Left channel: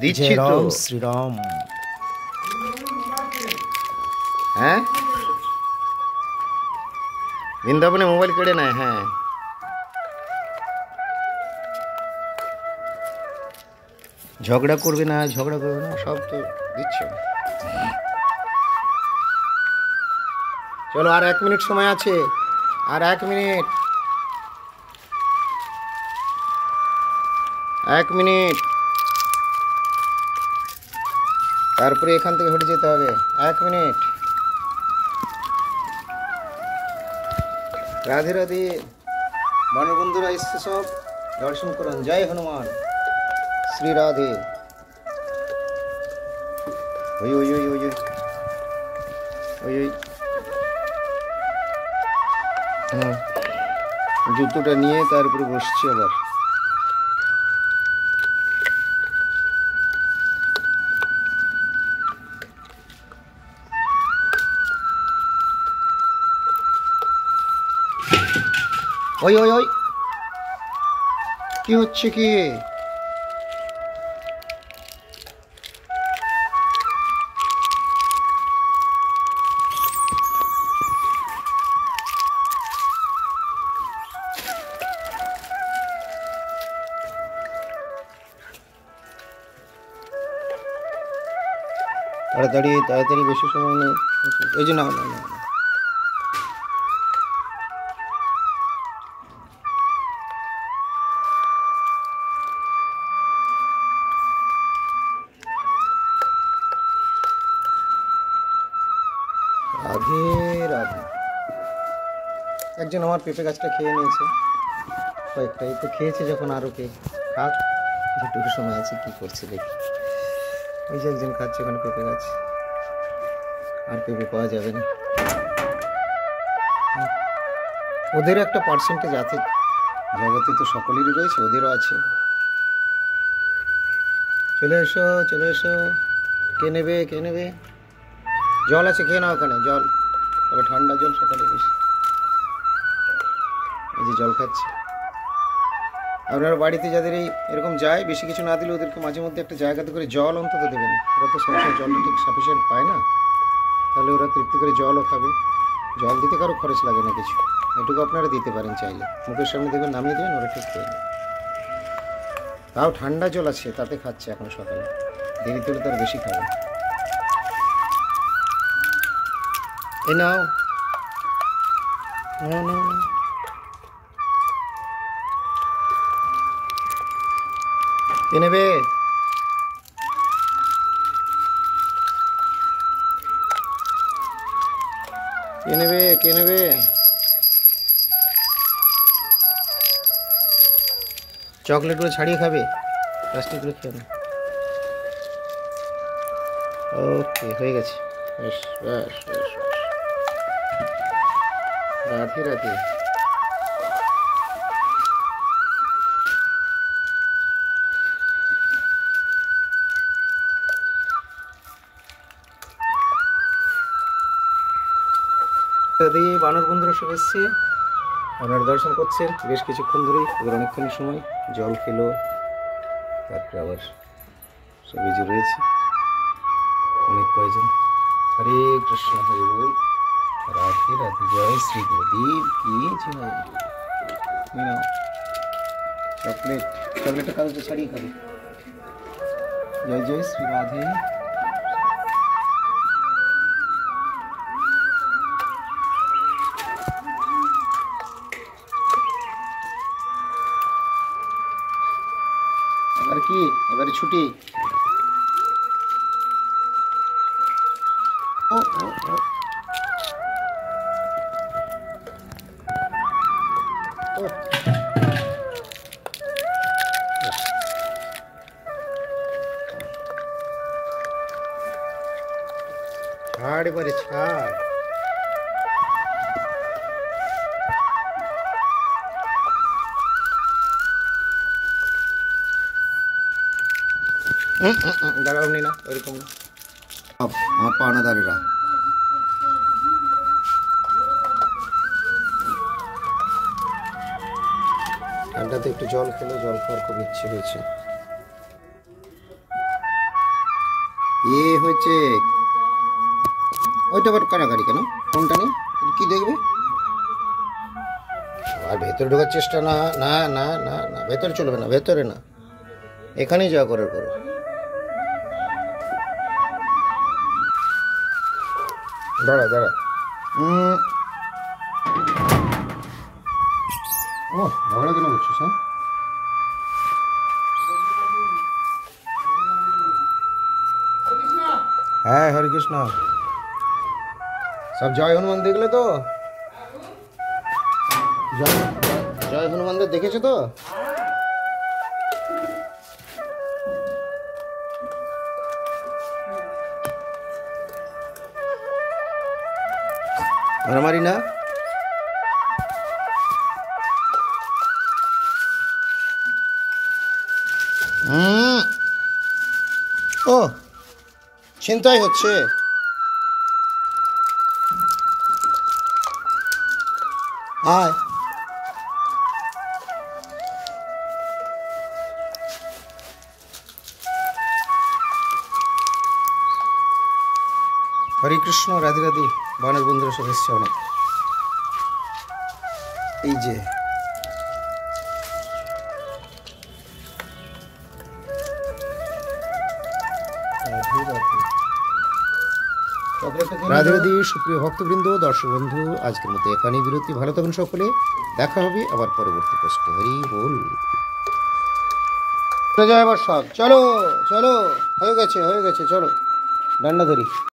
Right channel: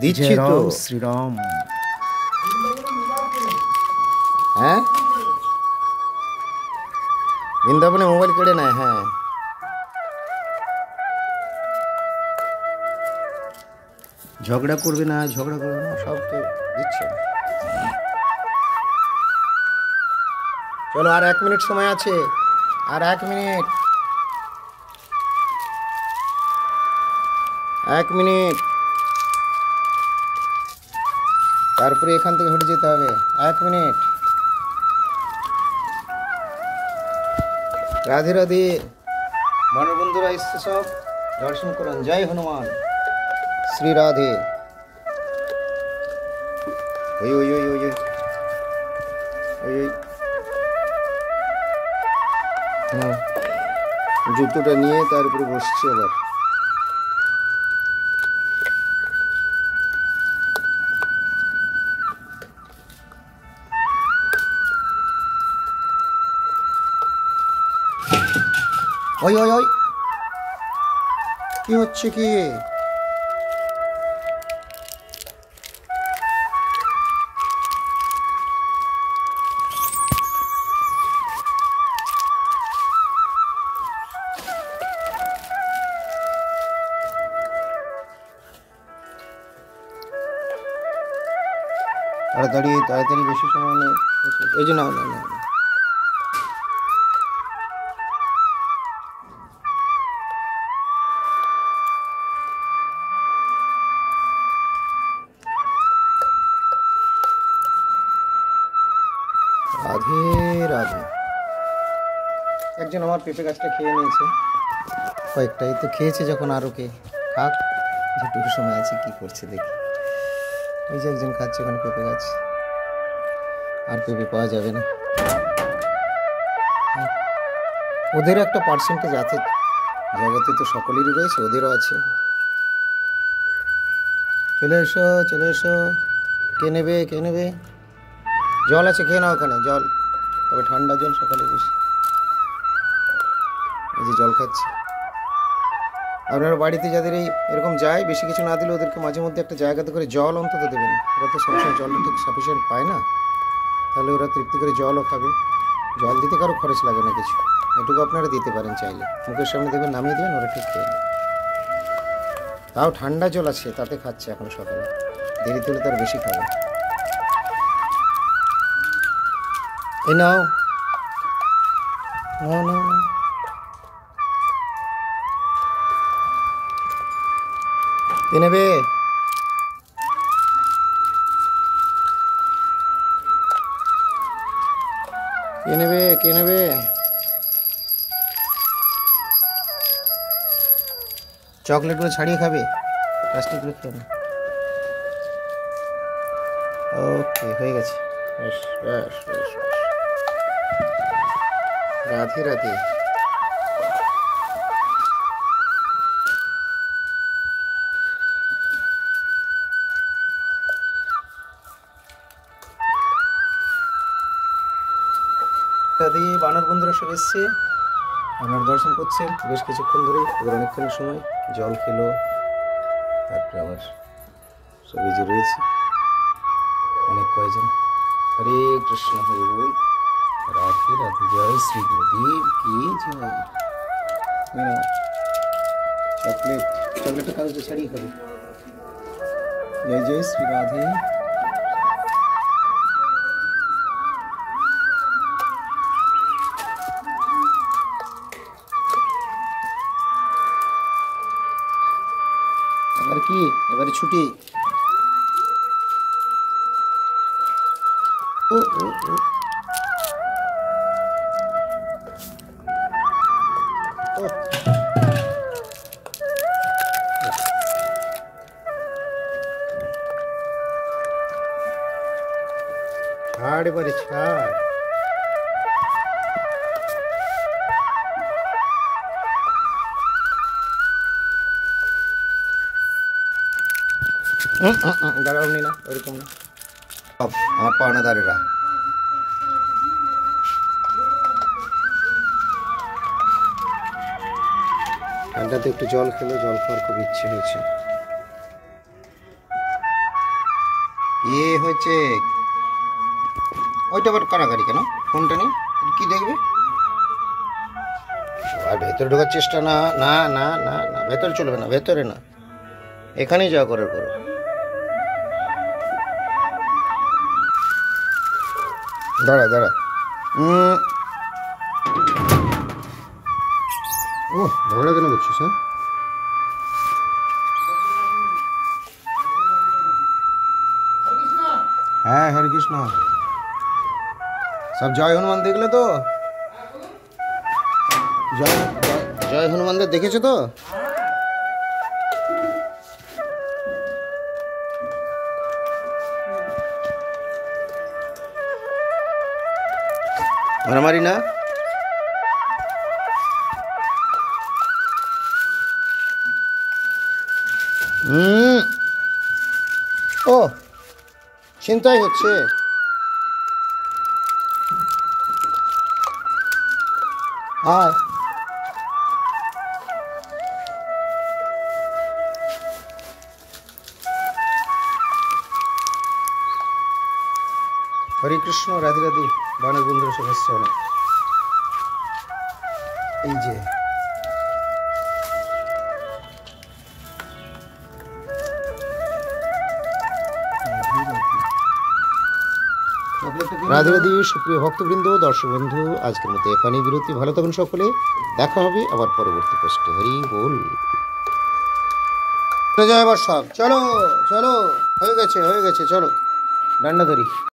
দিচ্ছি তো। রাম শ্রীরাম। হ্যাঁ, বৃন্দাবনে মোবাইল কেড়ে নেয়। হ্যাঁ, ঝগড়া করবে না, ঝগড়া করবে না, সব তো দিচ্ছে। চলো, আর 1 মিনিট সময় আছে, আর 1 মিনিট, 1 মিনিট, তারপরে এখান থেকে হেঁটে যেতে হবে। 1 মিনিট। রাধে রাধে। বানর বন্ধুরা এসছে, সব দর্শন করুন। জয় হনুমান, শ্রী রাধে। ওই ওই ওই ওই ওই ওই হ্যাঁ, জুতোটা নিয়ে তারপরে বসছি আবার। ওই ওই ওই, কি হচ্ছে কি? তাড়াতাড়ি তাড়াতাড়ি, বেশি সময় নেই। এই যে, না না না না। রাধে রাধে। একজন আমার পেঁপে গাছটা খেয়ে নিয়েছে, কয়েকটাই তো খেয়েছে, যখন আরও কে খাক, যেটুকু সময় আছে কি করছে দেখি। ওই যে একজন খাচ্ছে ওখানে পেঁপে গাছ, আর পেঁপে পাওয়া যাবে না। ওদেরও একটা পার্সেন্টেজ আছে, জগতে তো সকলেরই রয়েছে, ওদেরও আছে। চলে এসো, চলে এসো। কে নেবে, কে নেবে? জল আছে, খেয়ে নাও ওখানে জল, তবে ঠান্ডা জল, সকালে বেশি। এই যে জল খাচ্ছে। আপনারা বাড়িতে যাদের এরকম যায়, বেশি কিছু না দিলে ওদেরকে মাঝে মধ্যে একটা জায়গাতে করে জল অন্তত দেবেন। ওরা তো সবসময় জলটা ঠিক সাফিসিয়েন্ট পায় না, তাহলে ওরা তৃপ্তি করে জলও খাবে। জল দিতে কারো খরচ লাগে না কিছু, এটুকু আপনারা দিতে পারেন চাইলে। মুখের সামনে দেবেন, নামিয়ে দেবেন, ওরা ঠিক খেয়ে নেবে। তাও ঠান্ডা জল আছে, তাতে খাচ্ছে এখন সকালে। দেরি তুলে তার বেশি খাবে। এই নাও, না না না, কে নেবে? কে নেবে, কে নেবে? চকলেটগুলো ছাড়িয়ে খাবে, প্লাস্টিকগুলো খেয়ে না। ওকে, হয়ে গেছে। বেশ বেশ বেশ বেশ। রাধে রাধে। রাধে। বানর বন্ধুরা সব এসছে, আপনারা দর্শন করছেন বেশ কিছুক্ষণ ধরেই। ওদের অনেকক্ষণ সময় জল খেলো, তারপরে আবার সবই যে রয়েছে অনেক কয়জন। হরে কৃষ্ণ, হরে বল। রাধে রাধে। জয় শ্রী গুরুদেব কি জয়। চকলেট, চকলেটটা কাগজে ছাড়িয়ে খাবে। জয় জয় শ্রী রাধে। এবার কি, এবারে ছুটি। ও ও ও, ও ছাড়, এবারে ছাড়। দাঁড়াও, নি না, ওইরকম না। আমার পাওনাদারেরা ঠান্ডাতে একটু জল খেলো, জল খাওয়ার খুব ইচ্ছে হয়েছে। এ হয়েছে ওইটা আবার কারাগারি কেন? ফোনটা নেই, কি দেখবে? আর ভেতরে ঢোকার চেষ্টা না, না না না না, ভেতরে চলবে না, ভেতরে না, এখানেই যা করার করো। দাঁড়া দাঁড়া, ও ঝগড়া কেন করছিস? হ্যাঁ হরে কৃষ্ণ। সব জয় হনুমান দেখলে তো? জয় জয় হনুমানদের দেখেছো তো? মারামারি না? ও চিন্তাই হচ্ছে। আয় হরে কৃষ্ণ, রাধে রাধে। বানের বন্ধুরা সব এসছে অনেক। এই যে রাধে রাধে। সুপ্রিয় ভক্তবৃন্দ, দর্শক বন্ধু, আজকের মতো এখানেই বিরতি। ভালো থাকুন সকলে, দেখা হবে আবার পরবর্তী পোস্টে। হরি বল। জয় বর্ষা। চলো চলো, হয়ে গেছে হয়ে গেছে, চলো ডান্ডা ধরি।